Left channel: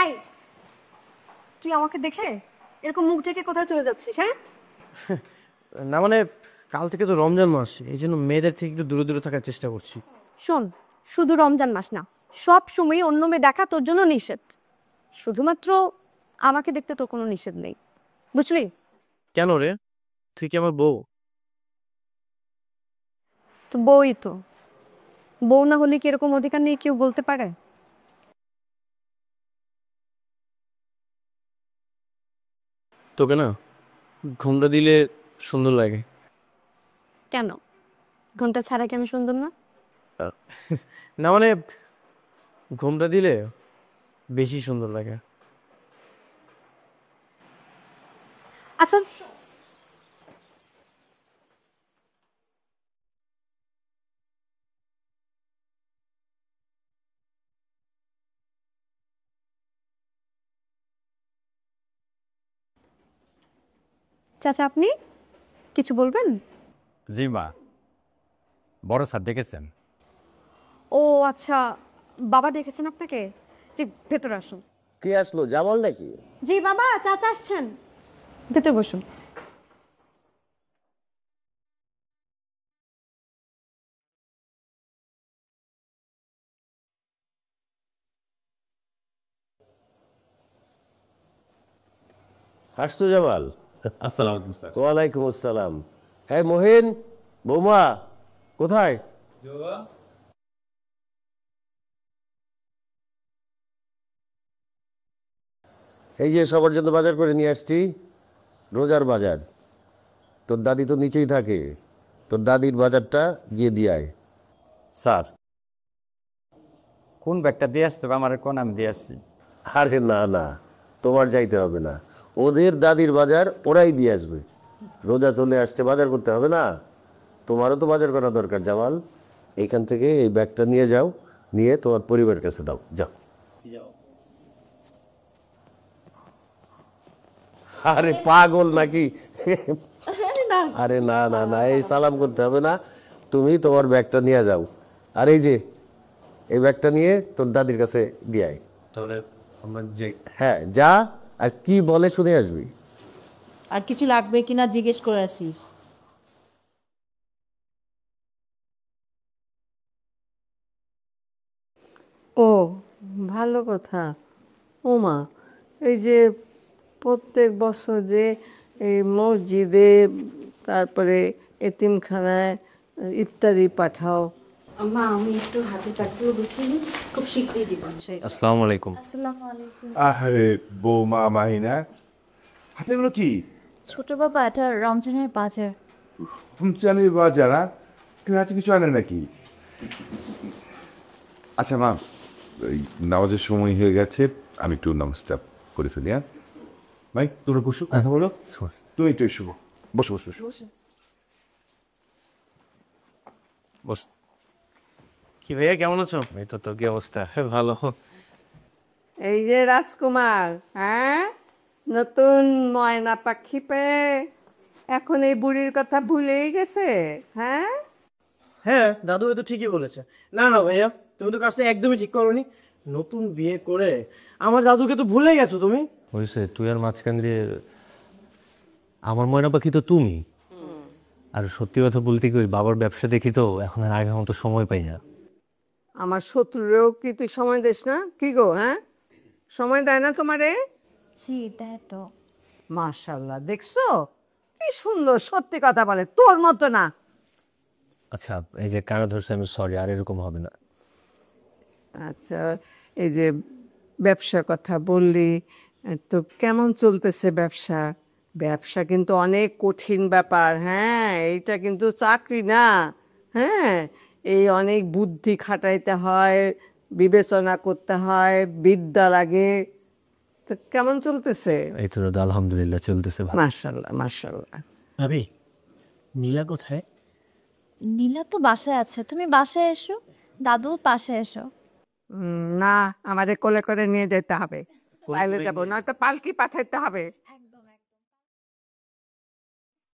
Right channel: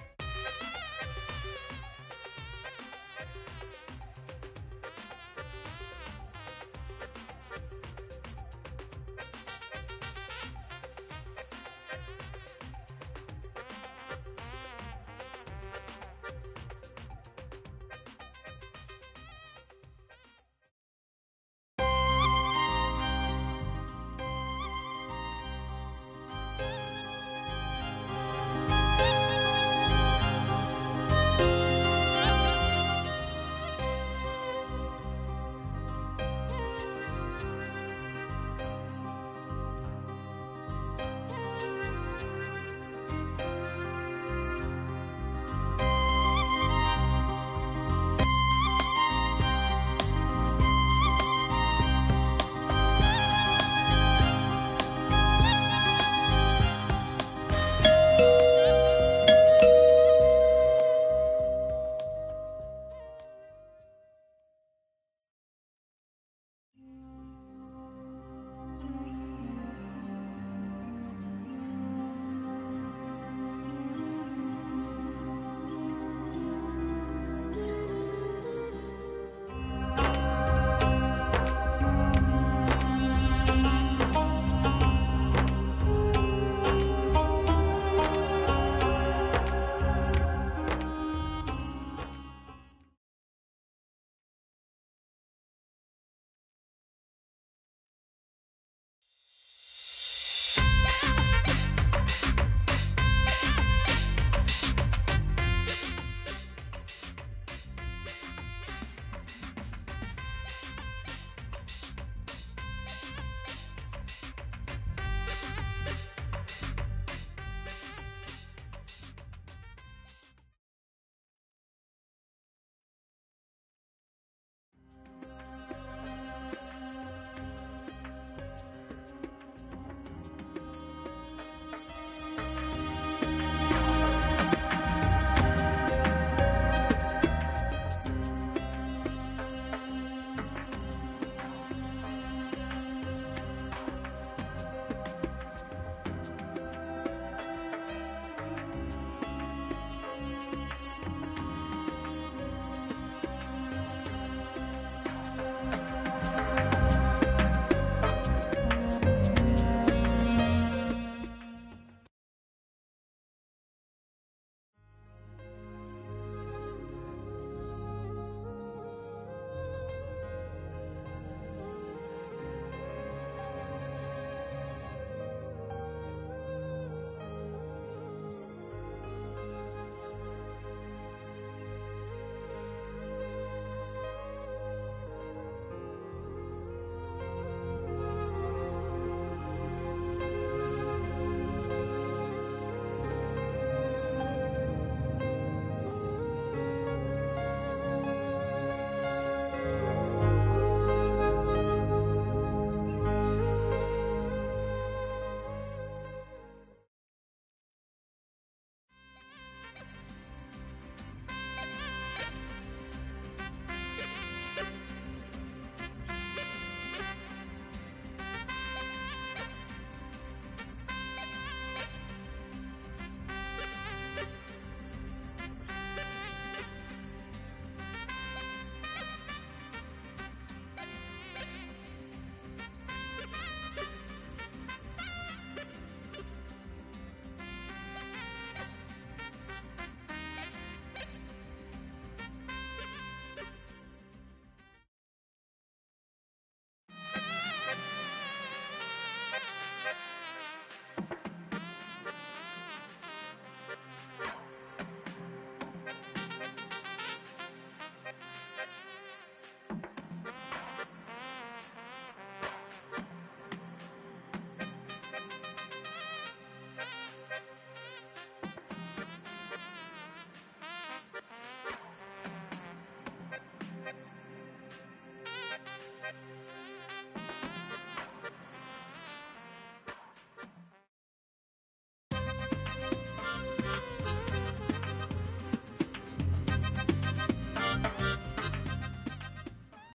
High, তুই আমাকে দেখে এরকম মুখ ঢেকে কোথায় চলে যাচ্ছিস? হ্যাঁ, না মানে কাল থেকে তো রমজান মাস, এই জন্য মেয়েদের থেকে একটু দূরে দূরে থাকার চেষ্টা করছি। শোন, শুধু রমজান মাস না, সব সময় অন্য মেয়ে দেখা তোর জন্য নিষেধ। শুধুমাত্র আমাকে দেখতে তোর কোনো নিষেধ নেই, বুঝলি? কেন রে, তুই কি আমার বউ? তো বউই তো, বউ না হলে কি এরকম অধিকার নেই কেউ বলতে পারে? তোকে না ঘুমটা দিলে সুন্দর লাগে। কেন, ঘন্টা ছাড়া কি আমি সুন্দর না? না মানে ঘুমটা দিলে বেশি সুন্দর লাগে। আচ্ছা, চাচা আপনি কিছু বলবেন? জি মা, বড় স্যার ডেকেছেন। ও আচ্ছা, বাবা ডেকেছেন আপনাকে? জি, ভেতরে আসুন। কে আসলো, জামাল নাকি? জি বাবা, চাচা আসছেন, ভেতর বসুন। আসতো জামাল? আসসালামু আলাইকুম স্যার। ওয়ালাইকুম আসসালাম। হ্যাঁ মহিন, বৌমা কোথায়? এই যে সবার জন্য বাজার করে নিয়ে আসছি, রোজার বাজার। তোর দাদি তো নিচেই থাকে, তোর দাদির বাজারটা গিয়ে দিয়ে আয়। স্যার, কোন ব্যাগটা দিয়ে আসছে বা আমার কোন আমি দিয়ে আসছি? আরে না না, তোমার যাইতে হবে না, ওদের দাদির বাজার ওরাই দিয়ে আসবে। রোজা চলে আসছে, বাজার করতে হবে না? তোমারও তো বাজার করা দরকার জামাল। এইখান থেকে এই ব্যাগটা নিয়ে যাও, নিয়ে তোমার পরিবারের কাছে দাও, যাও। আরে পাগল নাকি? আরে না না না, এই সালাম করতে হবে না, তুমি তোমার ব্যাগটা নিয়ে যাও। আর এই যে এই ব্যাগটা নিয়ে তোর দাদির কাছে দিয়ে আয়। তাহলে আমরা যে হ্যাঁ যা, আর কি বলে শুনে আসবি। আর কিছু লাগবে কিনা জিজ্ঞেস করে আসিস। ও ভালো কথা। ওমা, এই যে প্রত্যেক বছর যে এই মসজিদে, তারপরে এতিমখানায় ইত্যাদি পাঠাও। মা, আমি একটু হাতে টাকাগুলো গুছিয়ে নিই, খুব শীঘ্রই দিব। আসসালামু আলাইকুম। আরে বৌমা মাহিনা, হাতে এগুলো কি? ছোট বাবা, এটা রমজানের বাজার। রমজানের বাজার? আর তুমি হাতে কিছু আনে নাকি? আচ্ছা মা, ওই নামাজের সময় হয়ে গেছে, আমি একটু নামাজটা করে ফেলি। হ্যাঁ ভাই, তোমরা বসো, কথা বলো। তুমি একটু এসো, বসো বসো বসো। কি ভাইয়া, কেমন আছো? এই তো, তো কি অবস্থা? ভালো। এই যে রাজকুমার, হ্যাঁ, নতুন ময়না পাখি পেয়ে এখন এই বুড়ির কথা ভুলেই গেছে? হ্যাঁ, হ্যাঁ, দাদু তো ঠিকই বলেছে। না না ভাইয়া, তুমি তো কাজটা একদমই ঠিক করোনি। নতুন বিয়ে করে আমার দাদুকে তো ভুলে গেছো তুমি। হয়েছে, তুই আর মাঝখান দিয়ে আমার ময়না পাখি তো তুমি। আর সত্যি কথা বলতে কি, ওই বাবার ব্যবসা দেখি তো এখন আর আগের মতো সময় পাই না। আমার শত্রুরেও কি তুই সময় দিস না? কি গো, হ্যাঁ, সময় দেয় না তোমারে? জি, দেয় তো। মাশাআল্লাহ, দেখছো কি সুন্দর সত্যি কথা বলে, তোর মতো না। আচ্ছা, এই যে কানা ধরছে, আমি সরি, আর এরকম হবে না। আচ্ছা, এই যে ব্যবসার কথা বললি, তো কেমন চলতেছে ব্যবসা? ব্যবসা কিন্তু অনেক কঠিন ব্যাপার, হ্যাঁ, এইটা কিন্তু চাকরি না। হ্যাঁ, এই অনেক বুদ্ধি খাটাইতে হয়, বিবেচনা করতে হয়, বিদ্যা লাগে। তো কেমন চলতেছে? এই তো দাদা, আলহামদুলিল্লাহ চলতেছে ভালো। মাশাআল্লাহ মাশাআল্লাহ। ভাবি, নীলা কোথায়? নীলা তো বাসায় আছে, তুমি বাসায় এসো, দাদু পাশে এসো। না, আমাদের কোলে করে নিয়ে যেতে হবে, বাইরে যাবো, নয়তো পালকি পাঠাইতে হবে।